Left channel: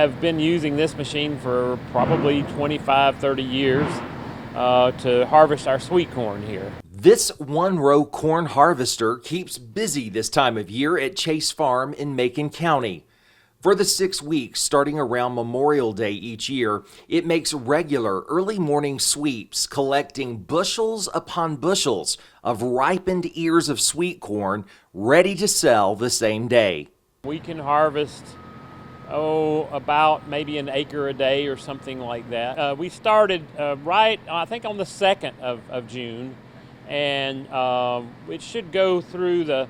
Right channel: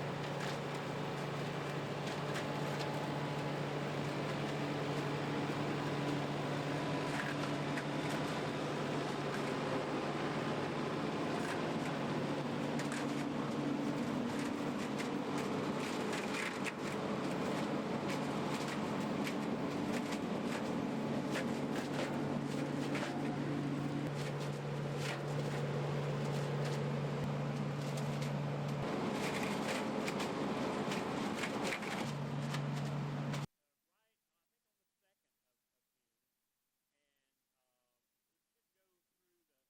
have been using this machine for probably 25, 30 years to harvest our sweet corn here. This one-row corn harvester keeps busy this time of year at Chase Farm in Macon County. For the 6 weeks starting around Memorial Day each year, it makes regular early morning sweeps, collecting bushels upon bushels of ripened ears of sweet corn ready to sell the same day. We can harvest, about maybe an acre a day or something like that. We started I think on the 2nd of June, and it should go through the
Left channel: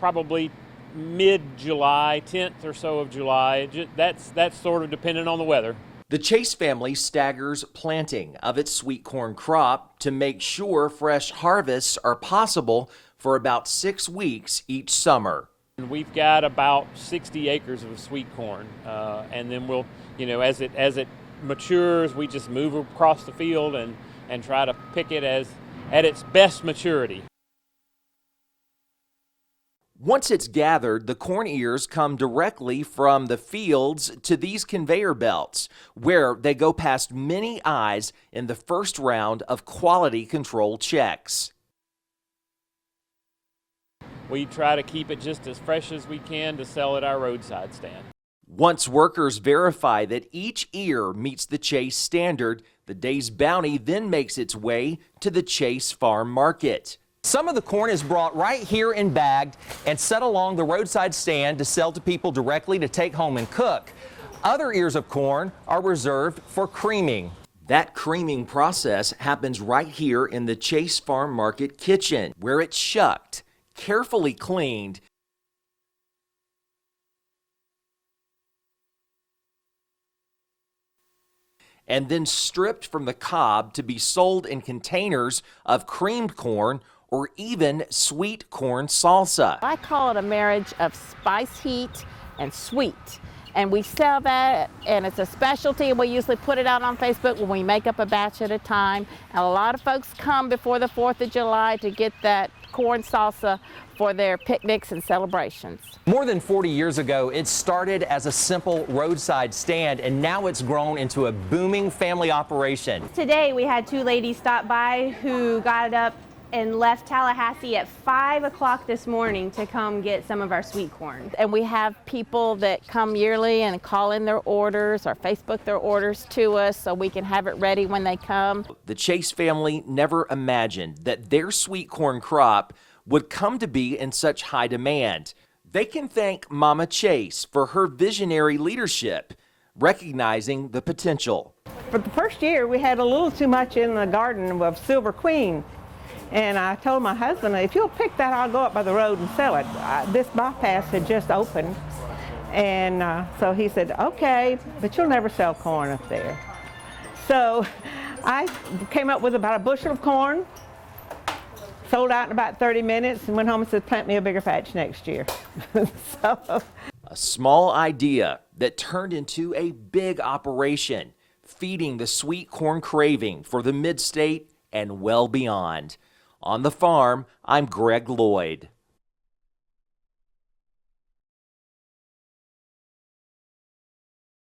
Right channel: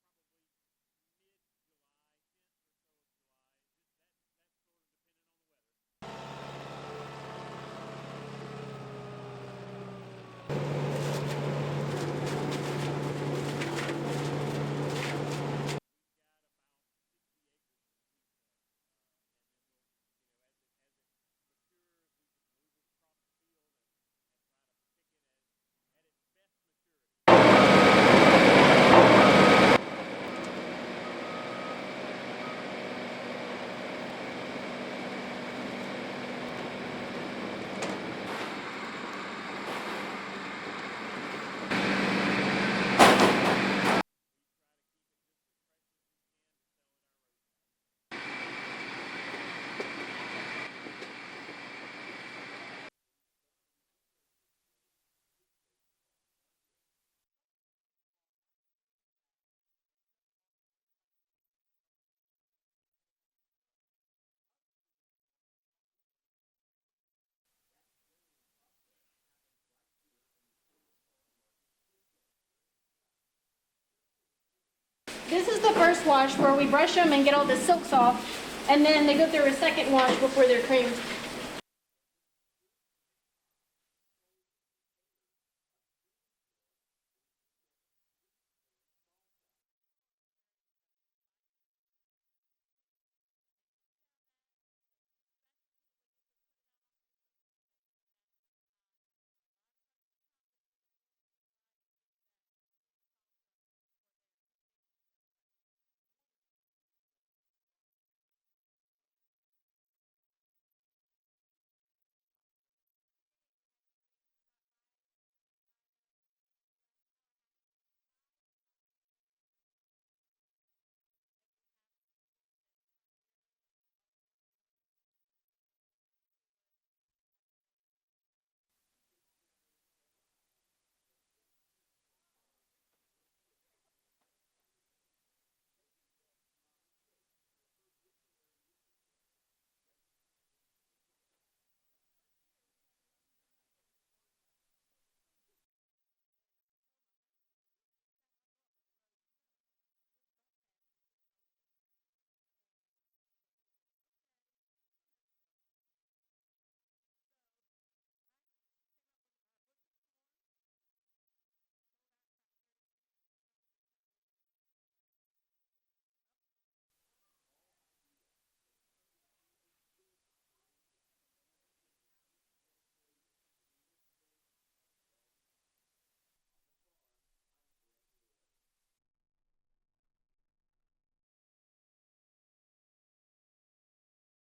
probably mid-July, 10th or so of July. That's sort of dependent on the weather. The Chase family staggers planting of its sweet corn crop to make sure fresh harvests are possible for about 6 weeks each summer. We've got about 60 acres of sweet corn, and then we'll, as it matures, we just move across the field and try to pick it at its best maturity. Once it's gathered, the corn ears come directly from the fields to these conveyor belts, where they go past many eyes in the first round of quality control checks. We try to keep it just as fresh as we can to sell at our roadside stand. Once workers verify that each ear meets the Chase standard, the day's bounty then makes its way to the Chase Farm Market. Some of the corn is brought right here and bagged and set along the roadside stand to sell to people directly to take home and cook. Other ears of corn are reserved for creaming. That creaming process happens right here in the Chase Farm Market kitchen, where it's shucked, carefully cleaned. This is the first wash where we brush them and get all the silks off, and then they go through a second wash before they're creamed. And then stripped from the cob to be sold in containers of creamed corn or even sweet corn salsa. I call it a marriage of spice heat and sweet. And we sell that, and it's a specialty, and we usually put it out on Facebook when we make up a batch at a time. And a lot of folks come before the 4th of July to get that corn salsa for their picnics and celebrations. More than 40 years ago, it started as a simple roadside stand, and now it's grown into a booming family operation. Today we had 2 ladies stop by who got up and left Tallahassee at 5 o'clock this morning to come get some of our sweet corn. And we have people that come yearly and call in their orders or Facebook their orders to us so we can have it ready when they come. The Chase family never imagined that their sweet corn crop would come to be in such high demand. They can thank Mama Chase for her visionary leadership, recognizing the potential. For the first year, we had a little too much in the garden of Silver Queen. And I told my husband, if you'll pick that, I'll go up by the road and sell it. This bypass had just opened. And so he said, okay, but you'll never sell corn up there. So I came up with about a bushel of corn, sold out in about 30 minutes, and went home and said, plant me a bigger patch next year. So, a small idea that turned into a big operation, feeding the sweet corn craving for the mid-state and well beyond. On the farm, I'm Greg Loyd.